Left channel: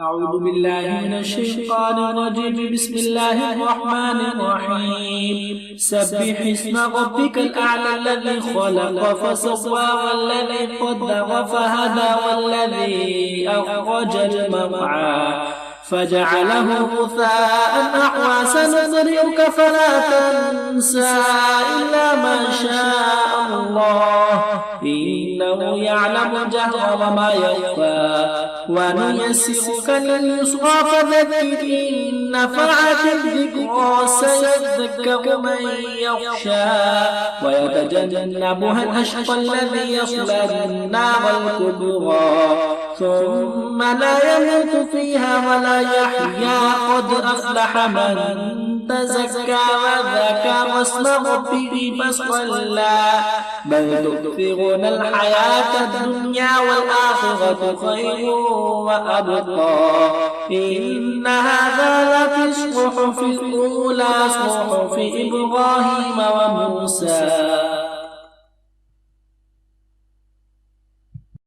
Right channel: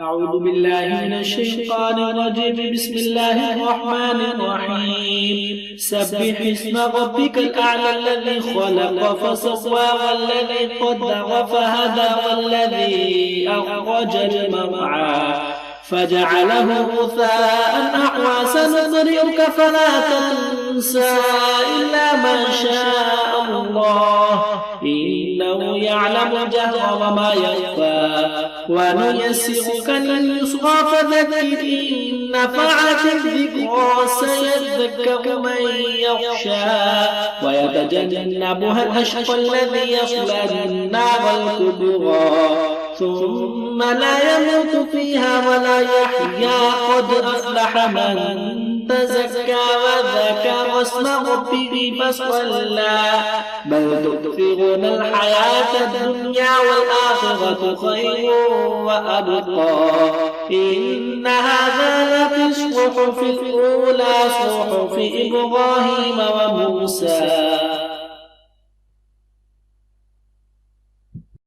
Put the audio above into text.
أعوذ بالله من الشيطان الرجيم. بسم الله الرحمن الرحيم. سبح اسم ربك الأعلى الذي خلق فسوى والذي قدر فهدى والذي أخرج المرعى فجعله غثاء أحوى سنقرئك فلا تنسى إلا ما شاء الله إنه يعلم الجهر وما يخفى ونيسرك لليسرى فذكر إن نفعت الذكرى سيذكر من يخشى ويتجنبها الأشقى الذي يصلى النار الكبرى ثم لا يموت فيها ولا يحيا قد أفلح من تزكى وذكر اسم ربه فصلى بل تؤثرون الحياة الدنيا والآخرة خير وأبقى إن هذا لفي الصحف الأولى صحف إبراهيم وموسى